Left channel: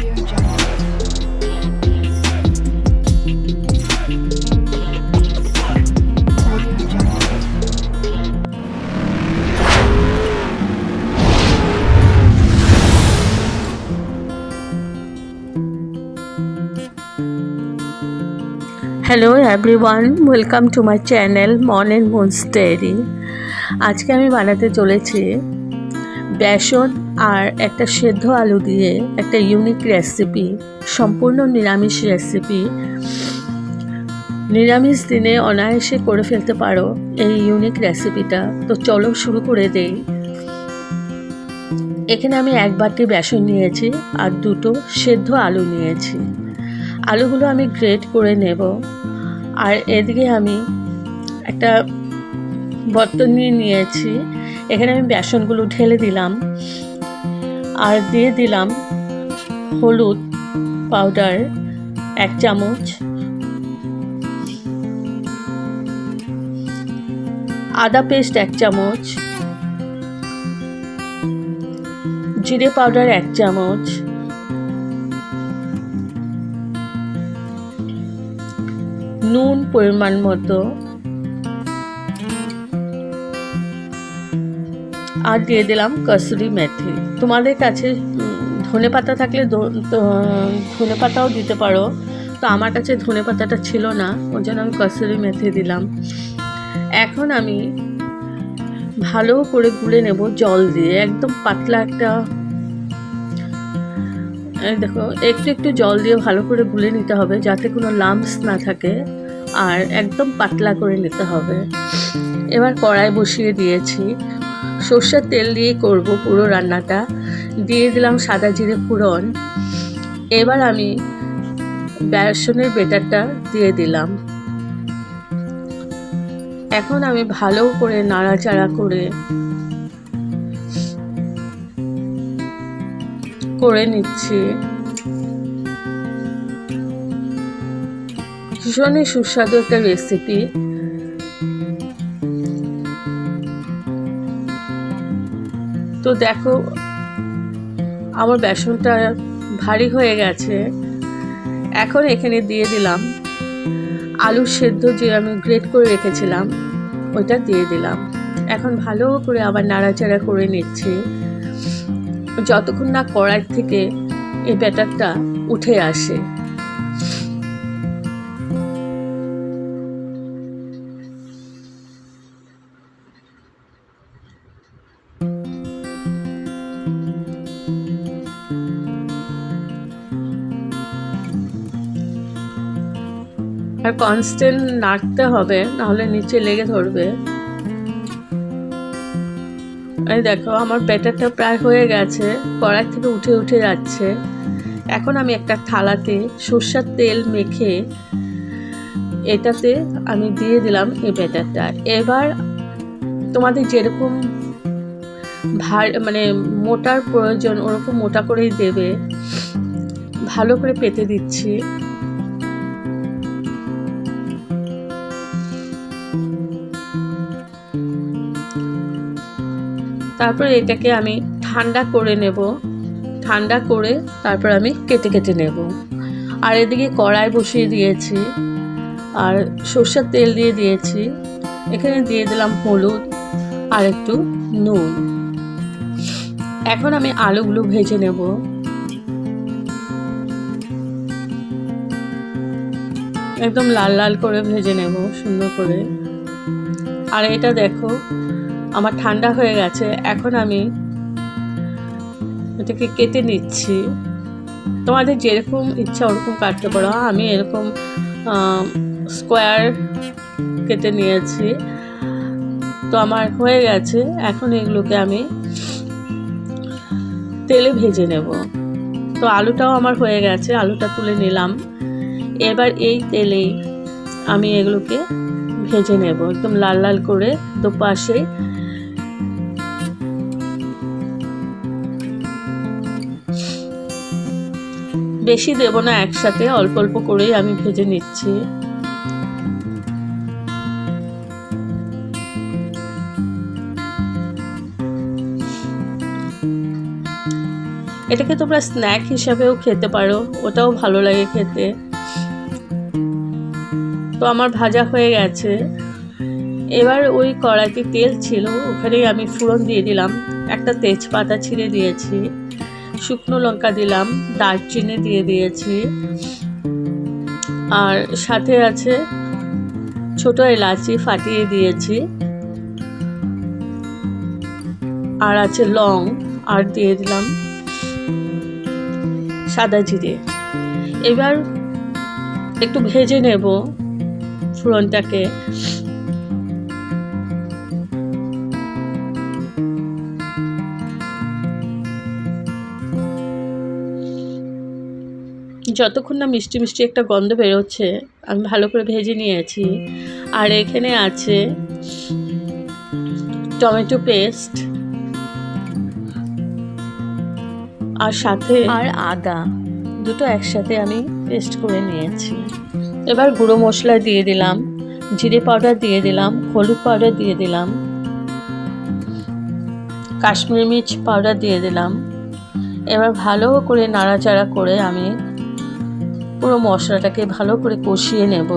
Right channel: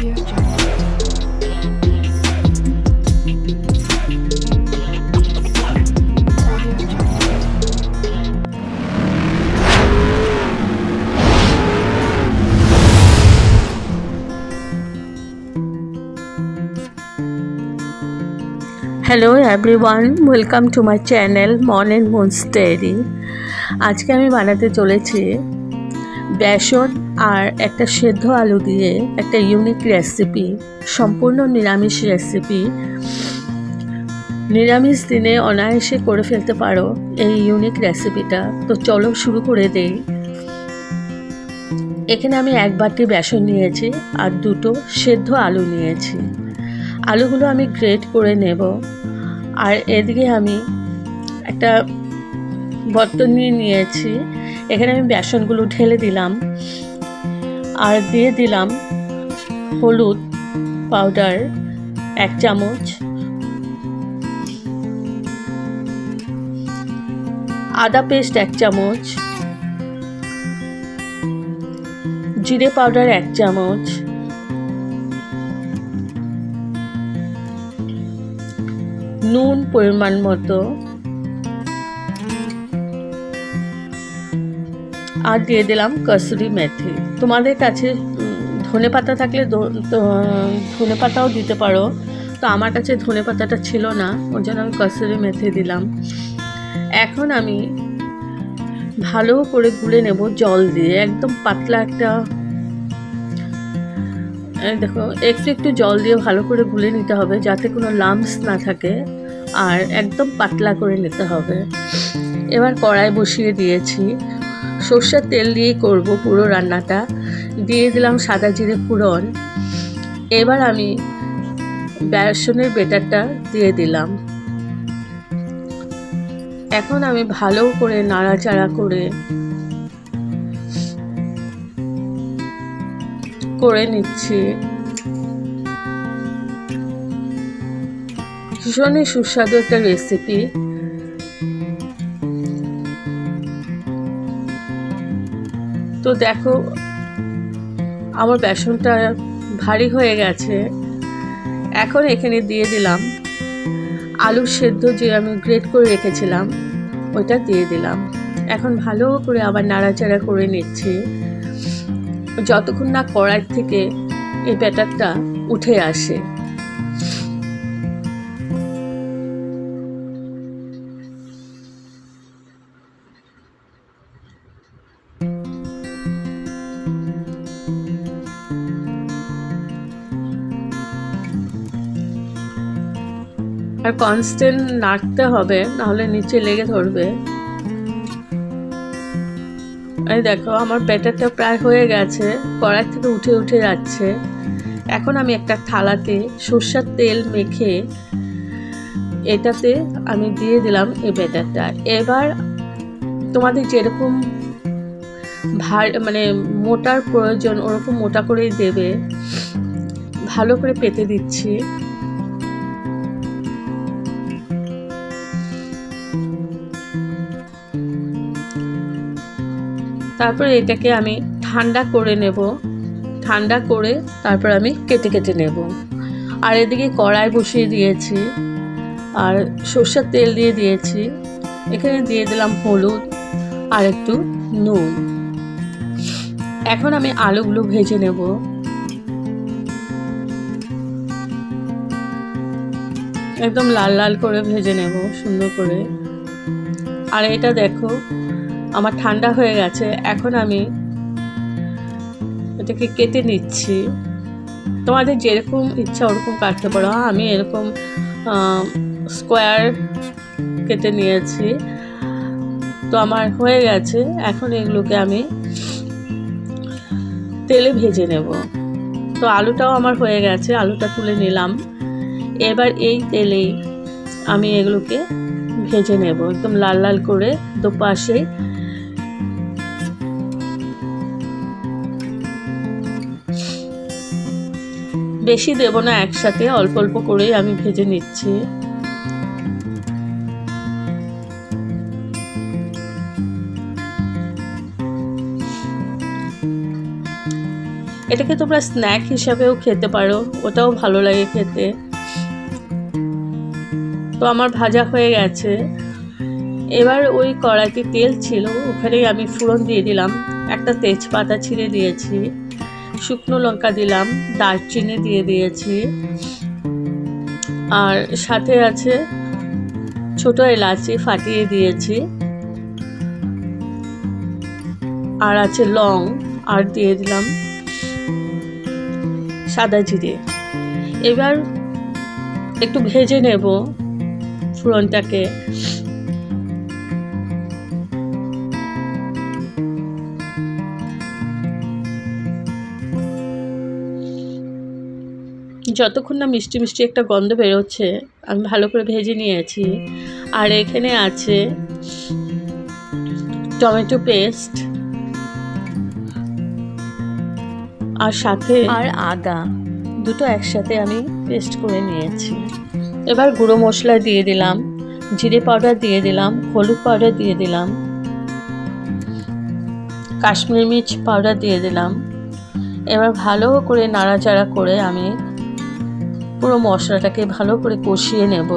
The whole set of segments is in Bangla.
Hello everyone welcome to my channel Mon and moon's diary আজকে আমি বানাতে চলেছি বেসন আর একটা সেদ্ধ আলু দিয়ে একটা ইউনিক রেসিপি সম্পূর্ণ নিরামিষ রেসিপি নিরামিষ দিনে অনায়াসে করে ফেলতে পারো এই ইউনিক রেসিপিটা তো চলো শুরু করে দেই। এখানে আমি এক বাটি বেসন নিয়েছি আর দুটো সেদ্ধ আলু নিয়েছি। আলুগুলো আমি গ্রেট করে নেব। আর এদিকে আমি একটা বর্তন নিয়ে নিয়েছি। এখানে আমি বেসনগুলো ঢেলে দিলাম আর দিয়ে দিলাম হলুদ পাউডার এক চামচ। আদা পেস্ট এক চামচ। জিরে পাউডার এক চামচ। নুন পরিমাণ মতো। আর দিয়ে দিলাম কসুরি মেথি। তোমাদের কাছে ধনে পাতা থাকলে ধনে পাতাও দিতে পারো। তো আমার কাছে ধনে পাতাটা ছিল না, ওর জন্য আমি কসুরি মেথি দিলাম। এখন আমি ভালো করে গুলে নেব জল দিয়ে। একদম পাতলা একটা দেখো, একটু একটু জল দিয়ে ভালো করে গুলে নিতে হবে যাতে কোনো লাম্পস না থাকে। আর একদম পাতলা করে নিতে হবে। এবার কড়াই বসিয়ে দিয়েছি। সর্ষের তেল দিয়ে করব পুরো রান্নাটা। দিয়ে দিলাম সাদা জিরে ফোড়ন। এবার আমি বেসনের বেটারটা দিয়ে দিলাম। এখন আমি ভালো করে নাড়াচাড়া করে করে নিচ্ছি। ভীষণই সুস্বাদু একটা রেসিপি তো দেখো, আমার বেসনটা ভারী হয়ে গেছে। এখন এখানে দিয়ে দিলাম আলু সেদ্ধ যে আমি গ্রেট করে রেখেছিলাম, ওইটা দিয়ে দিলাম। এখন ভালো করে আবার নাড়াচাড়া করে নিচ্ছি। যতক্ষণ না কড়াই থেকে এই ব্যাটারটা উঠে আসে। আর কনস্ট্যান্ট নাড়তে হবে, নাহলে নিচে লেগে ধরবে। এই দেখো, আমার ব্যাটারটা প্রায় হয়ে গেছে, কড়াই থেকে উঠে উঠে যাচ্ছে। এখন আমি একটা থালাতে সর্ষার তেল মেখে এটাতে আমি দিয়ে দিলাম এই ব্যাটারটা। এবার তোমাদের যেরকম ভার মানে মোটার প্রয়োজন, ওরকম মোটা করেই দেবে। ভালো করে পেতে দিচ্ছি। তারপর এটাকে আমি ঠান্ডা করে নেব। ঠান্ডা করে তারপর আমি কেটে কেটে নেব। আর এদিকে কড়াই বসিয়ে দিয়েছি। আর সর্ষের তেল দিয়ে দিয়েছি। এখানে দিয়ে দিলাম হলুদ আর একটু নুন। এখন আমি আলুগুলো ভেজে নেব। একদম লাল লাল করে ভেজে নেব, সুন্দর করে। আর এটা দেখো আমার ঠান্ডা হয়ে গেছে, এখন আমি এটাকে কেটে নিচ্ছি। তোমাদের যেরকম ইচ্ছা ওরকম কাটতে পারো। আমি এরকম স্কোয়ার কেটে নিয়েছি। তো আমার হয়ে গেছে, এখন এগুলোকে আমি তেলে ভেজে নেব। তো আলুটাও আমার হয়ে গেছে, আলুটা তুলে নিলাম। এবার এই তেলেই আমি এগুলোকে ভেজে নেব, একদম লাল লাল করে দুপাশে। বেশি দেব না একসাথে, অল্প অল্প করেই আমি ভেজে নিচ্ছি। এটাকে তোমরা স্ন্যাক হিসাবেও খেতে পারো, ওটাও ভালো লাগে খেতে। তো আমার ভাজা হয়ে গেছে। এবার ওই কড়াইতে তেল ছিল, ওখানেই আমি ফোড়ন দিয়ে দিলাম। একটা তেজপাতা ছিঁড়ে দিয়েছি। শুকনো লঙ্কা দিলাম, দারচিনি দিয়ে দিয়েছি। আর সাথে আছে ছোট এলাচি ফাটিয়ে দিয়েছি। আর আছে লং, আর দিয়ে দিলাম সাদা জিরে। এবার একটু ভেজে নেব ফোড়নটাকে। যতক্ষণ না মিষ্টি মিষ্টি একটা গন্ধ বেরোচ্ছে আমি ভালো করে ভেজে নিয়েছি। আর এখানে আছে টমেটো পেস্ট আর সাথে আর আদা দুটো একসাথে আমি পেস্ট করে নিয়েছি। এবার গুঁড়ো মশলা দিয়ে দিলাম জিরে পাউডার দিয়ে দিলাম হলুদ পাউডার দিয়ে দিলাম কাশ্মীরি মির্চ পাউডার দিয়ে দিলাম। এবার ভালো করে নাড়াচাড়া করে আমি পুরো মশলাটাকে ভালো করে কষিয়ে নেব।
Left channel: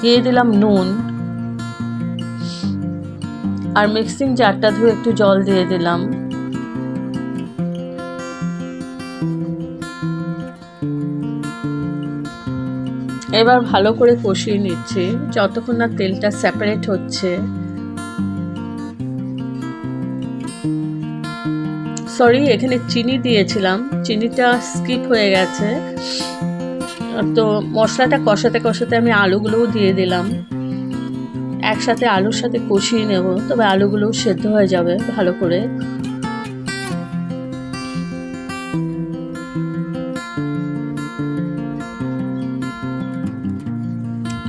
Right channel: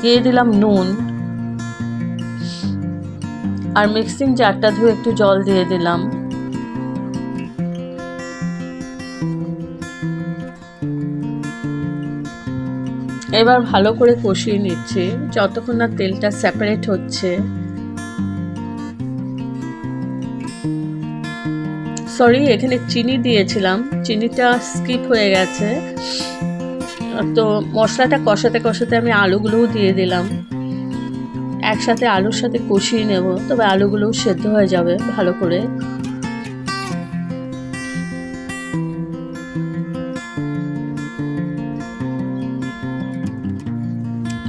দিয়ে দিলাম নুন। আর মিক্সিং জারটা ধুয়ে একটু জল দিয়ে দিলাম। এবার ভালো করে কষিয়ে নিচ্ছি। যতক্ষণ না তেলটা সেপারেট হচ্ছে। সরি এখানে চিনি দিয়েছিলাম। চিনিটা স্কিপ হয়ে গেছে। তো মশলাটা কষাতে কষাতে আমি আলুগুলোও দিয়ে দিলাম। একসাথে আলুর সাথে কষিয়ে নেব, তবে আলুগুলোও সেদ্ধ হয়ে যাবে ভালো করে।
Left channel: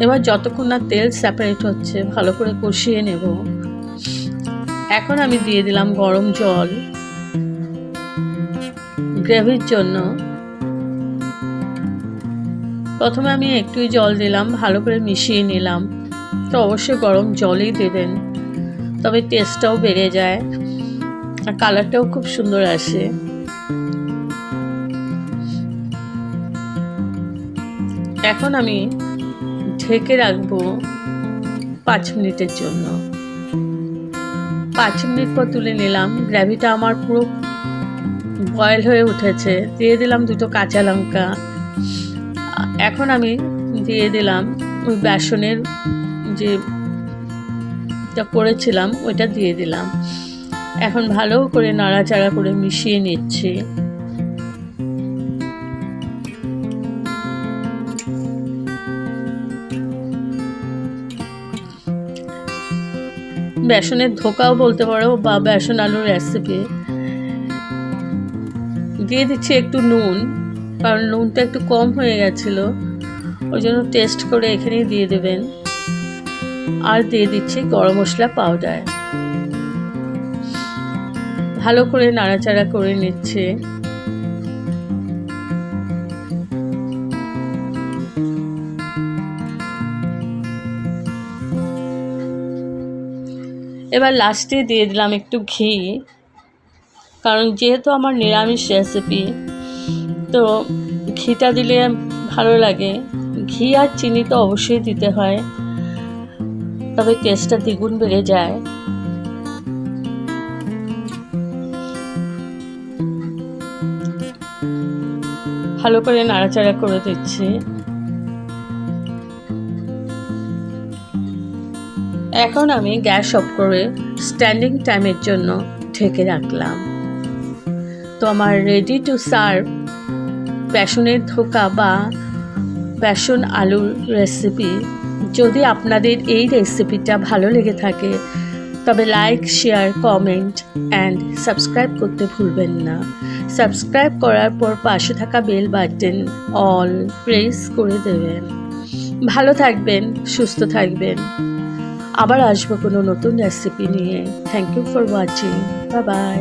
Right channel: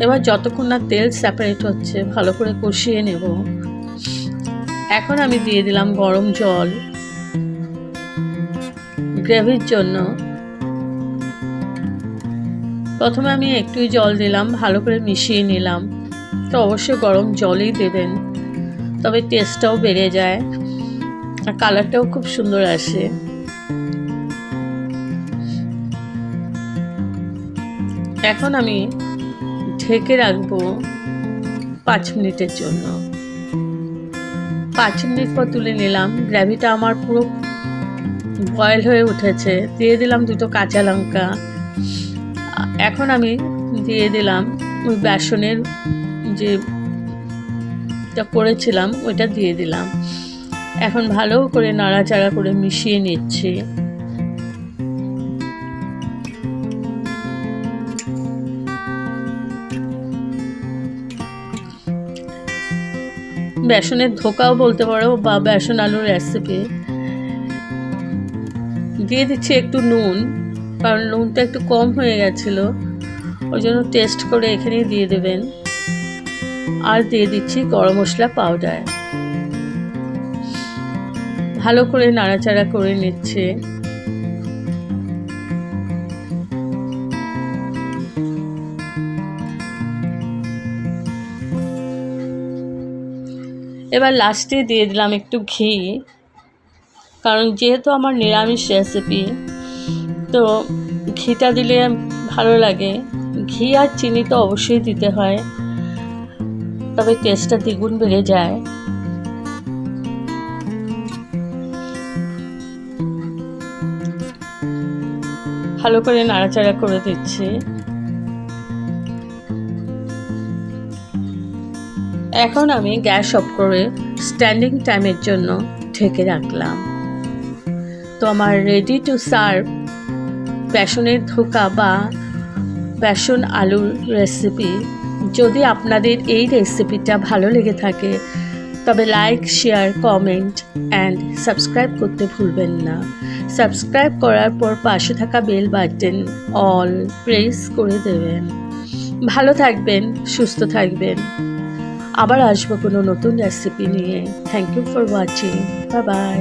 এবার যতক্ষণ না তেল সেপারেট হচ্ছে, ভালো করে কষিয়ে নেব। এখন আমি দিয়ে দিলাম গরম জল। গ্রেভির জন্য প্রথমে আমি একটুই জল দিলাম, ভালো করে মিশিয়ে নিলাম। তো অবশ্যই গরম জলই দেবেন, তবে টেস্টটাও বেড়ে যায় আর কালারটাও খুব সুন্দর আসে। এখন আমি ঢেকে রাখব পাঁচ মিনিটের জন্য। পাঁচ মিনিট পর তুলে নিলাম গ্র্যাভিটা আমার পুরো বয়েল হয়ে উঠেছে। দিয়ে দিলাম দুটো কাঁচা লঙ্কা। এখন আমি দিয়ে দিলাম ওই বেসনের যে করেছিলাম, ওইটা দিয়ে দিলাম। এখন ভালো করে নাড়াচাড়া করে মিশিয়ে নিচ্ছি। বেসনের ধোকাও বলতে পারো বা বেসন আলুর রেসিপি দিয়ে দিচ্ছি একটু নুন, কারণ নুনটা একটু কম হয়ে গেছিল। ওই জন্য টেস্ট করে এখানেই দিয়ে দেবেন। আর দিয়ে দিচ্ছি গরম মশলা পাউডার। ভালো করে নাড়াচাড়া করে নিচ্ছে। এবার লাস্টে দিয়ে দিলাম একটু ঘি। কারণ যেহেতু আমার নিরামিষ রেসিপি তো ঘিটা দিলে ভালো লাগে। ঘি আর চিনি তো অবশ্যই দিতে হয়, তবে টেস্টটা দ্বিগুণ বেড়ে যায়। ভালো করে নাড়াচাড়া করে দিচ্ছি। এখন আমি গ্যাস অফ করে স্ট্যান্ডিং টাইমের জন্য ঢেকে রাখলাম। তো আমার রেডি টু সার্ভ বেসনের ধোকা বা বেসন আলুর রেসিপি যদি আপনাদের এই রেসিপিটা ভালো লেগে থাকে, তবে like share comment and subscribe করতে ভুলবেন না। সাবস্ক্রাইব করার পর পাশে থাকা বেল বাটন অল প্রেস করে দেবেন। ভালো থাকবেন, সুস্থ থাকবেন। আবার আসব কোনো নতুন রেসিপি নিয়ে। Thank you for watching bye bye